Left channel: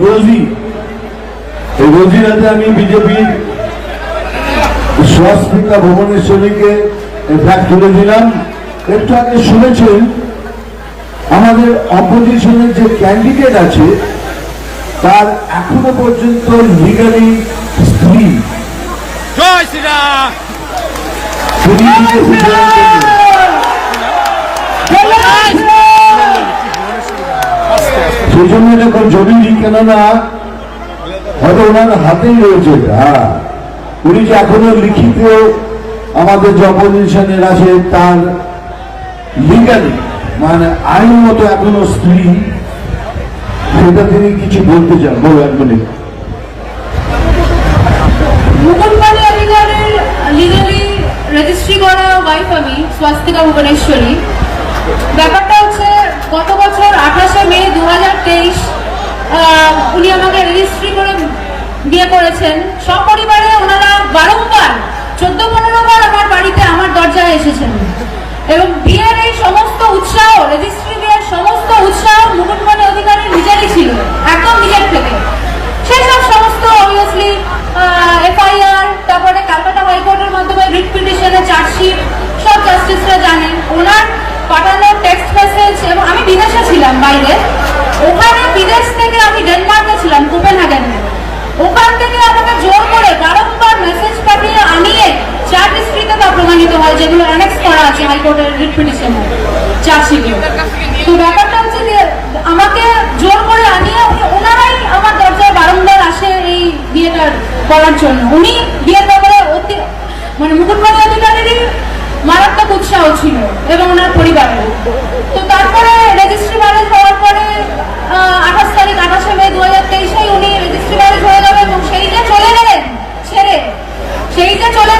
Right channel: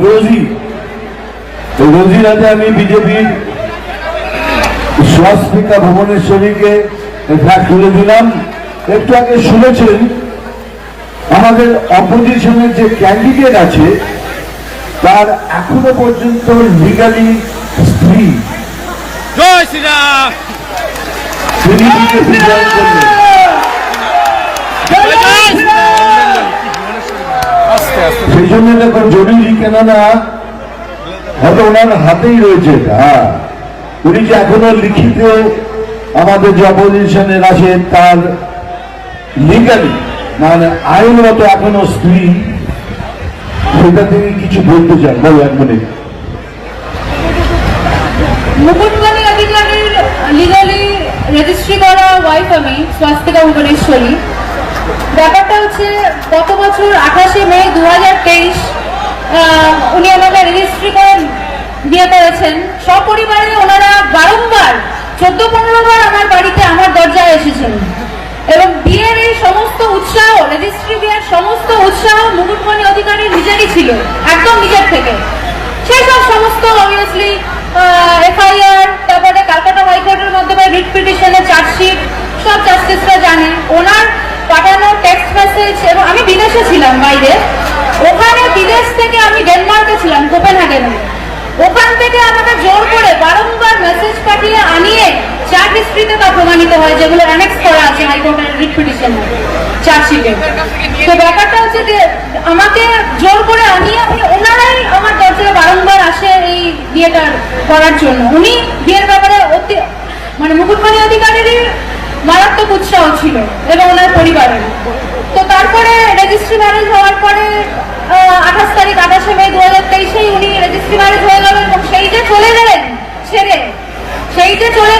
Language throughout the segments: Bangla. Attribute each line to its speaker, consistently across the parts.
Speaker 1: রোজি এই রোজি রাতে আমি বিজেপির স্বস্মিকা ভুবনেশ্বরীকে ফ্ল্যাগ তুলে দিলাম একটু আগে শুনেছেন আমাদের অপোজিশনের যে ক্যান্ডিডেট আছে তার এখনও পর্যন্ত লিগালি স্ত্রী। তিনি বিজেপি জয়েন করলেন। সেই জন্য দেখো জরুরি কেননা হয়তো ওনার হাতেই রয়েছে হ্যাঁ। উনি যে এখনও লিখিত আমাদের যে অপোজিশনের আছে তার লিগালি মানে আইনগত এখনও স্ত্রী, সেটা তিনি কিছু বলতে চান। বলো এক মিনিট।
Speaker 2: অধিকারের লিগালি রেজিস্ট্রি করা ব্যাপারটা বছর আঠাশে মে দু হাজার তেইশ উনি আমাকে রেজিস্ট্রি করে বিয়ে করেছেন। সপরিবারে ওনারা বারংবার চোদ্দ পনেরো বার আমার বাড়িতে আমার দরজায় এসেছেন। এবং বিয়ের এই সমস্ত উৎসাহ রেজিস্ট্রি বিয়ের সমস্ত উৎসাহ মুকুটমণি অধিকারী নিজেরই ছিল, একদম নিজের থেকে। সেসব সমস্ত অবভিয়াসলি এফআইআর, তারপরে ক্যালকাটা হাইকোর্টের মাধ্যমে রিট পিটিশনের চার্জশিট সব জাস্টিসরা জানেন ওনার পাঠানো টেক্সট মেসেজ এবং আমি বিদেশে ছিলাম বাইরে ওখানে বিদেশ থেকে আমি ডেনমার্কে ছিলাম কোপেনহেগেনে ওখান থেকে আমাকে জোর করে বারংবার মেসেজ পাঠিয়ে আনিয়ে চার্জ হিস্ট্রিতে তা প্রমাণিত হয় যেগুলো অ্যানেক্স করা আছে হাইকোর্টের রিট পিটিশনে চার্জশিটে তো ব্যাপারটা হচ্ছে যে, আমাকে জোর করে আনিয়ে উনি ওনারাই আমার দরজায় বারংবার আসে এই বিয়েটা করার জন্য। উনি বিয়ের ব্যাপারে অতি মানে মুকুটমণি অধিকারীরই মারাত্মক উৎসাহ ছিল এবং ওনার পরিবারের। তো তারপরে রেজিস্ট্রি ম্যারেজ হওয়ার পরে আঠাশ তারিখ, আঠাশে মে দু হাজার তেইশেই উনি রেজিস্ট্রি ম্যারেজ হয়ে গেলেন এবং সেই যে চলে গেলেন, ছেড়ে, সেই যে চলে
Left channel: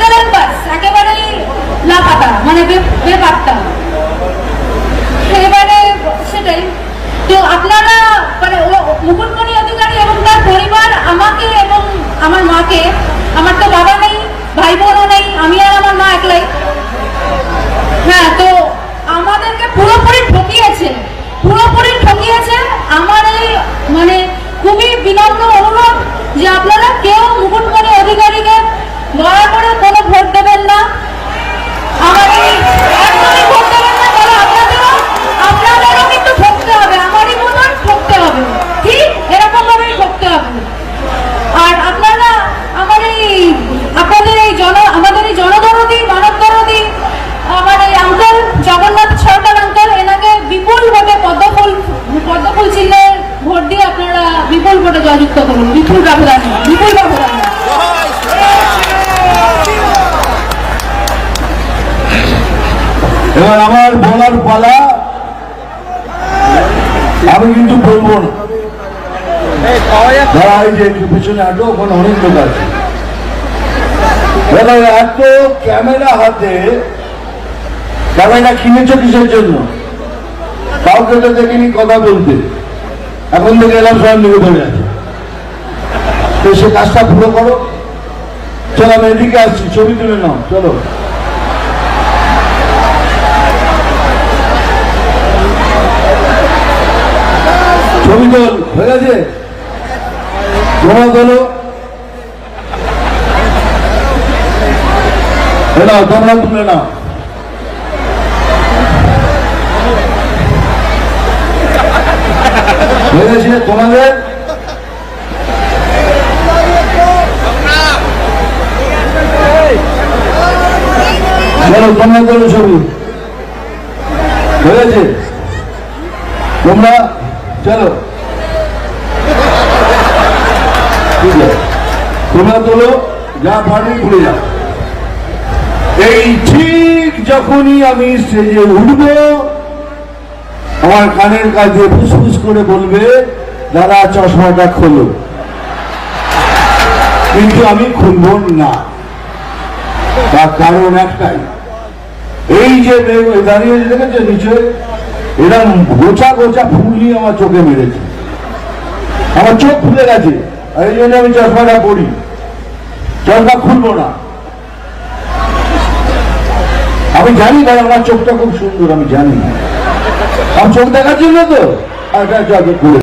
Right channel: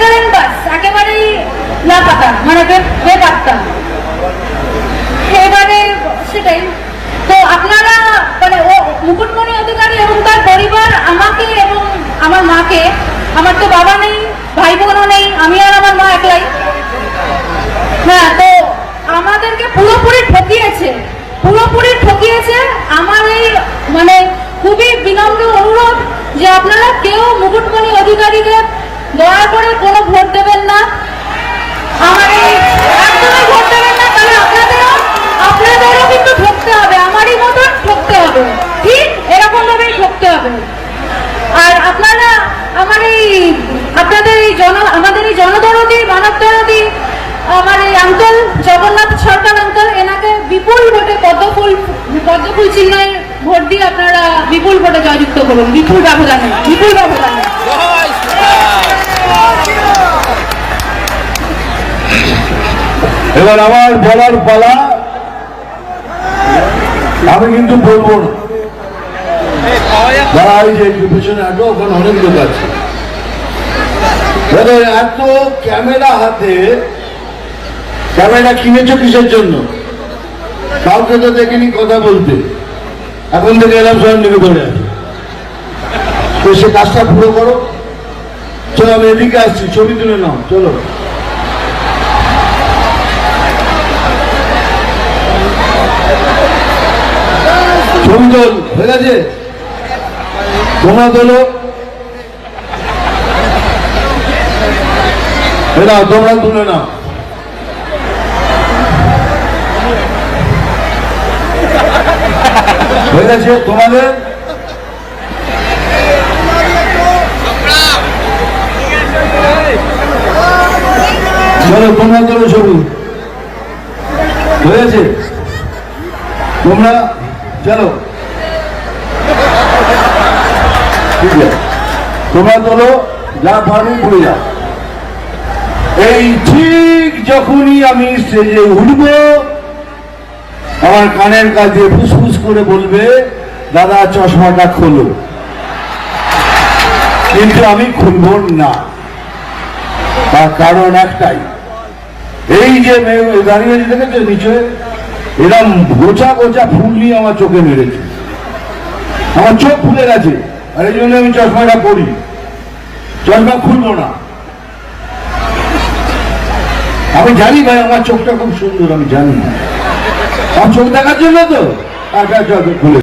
Speaker 2: পাতা মানে বে- বেপাত্তা এবারে সেটাই। তো আপনারা মানে ও মুকুটমণি অধিকারী এবং তার পরিবার আমাকে এবং আমার মাকে, আমার তো বাবা নেই ভাই বোনও নেই, আমি আর আমার মা একলাই। হ্যাঁ তো আমাদেরকে পুরোপুরি ঠকিয়েছে। পুরোপুরি ঠকিয়েছে আমার এই মানে খুবই বিনম্র অনুরোধ যে আপনারা কেউ মুকুটমণি অধিকারীকে দয়া করে কোনো ভোট দেবেন না। আর আপনারা আমার এই, আপনাদের এই জন, আমাদের এই জনদরদি মানব দরদি আমার এই আঙ্কেল, জগন্নাথ সরকার আঙ্কেল, এনাকে বিপুল ভোটে পদ্মফুল পদ্মফুল চিহ্নে ভোট দিয়ে আপনারা বিপুল ভোটে জয়যুক্ত করুন। বিপুল ব্যবধানে, বিপুল
Speaker 1: এবার আমার বলার পালা আমি কিন্তু বলব না। পেছনে ওখানে অনেক লোক আছে। এত ক্যামেরা হাতে, ক্যামেরা কিনেছো কিসের জন্য? কাউকে তো দেখিনি কথা বলতে। এখন থেকে এলাম স্বয়ং নিকট হয়ে গেছে তো সে কাজটা পুরো করো। চলো আমি এদিকে আসছি, ছবি তুলে নাও, চলো। তোল হয়ে গেছে। তোমরা তোলো এ নাও তোমরা তুলে নাও। হয়ে গেছে তোমাদের। তোমরা তোলো ছবি হয়েছে তোমরা চলো। তোমরা তোলো, যা যাও। এই ঠিক যখনই আমি স্টেজে উঠবো, আমার কানের কাছে ফুসফুস করে বলবে, দাদা, চশমাটা খোলো। কিন্তু আমি খুলব না। তার কারণ একটাই। এই যে দাঁড়িয়ে দেখেছে, নিচে? এরা গোচা গোছা ফুল নিয়ে আমার চোখে মেরেছে। আমার চোখ ফুলে গেছে। আর এই জন্য আমি চশমাটা করি চশমা খুলবো না। আমি জানি ভাই, আমার চোখটা খুব সুন্দর, আমি জানি। আমার চোখ দেখার জন্য তো। আর খুলে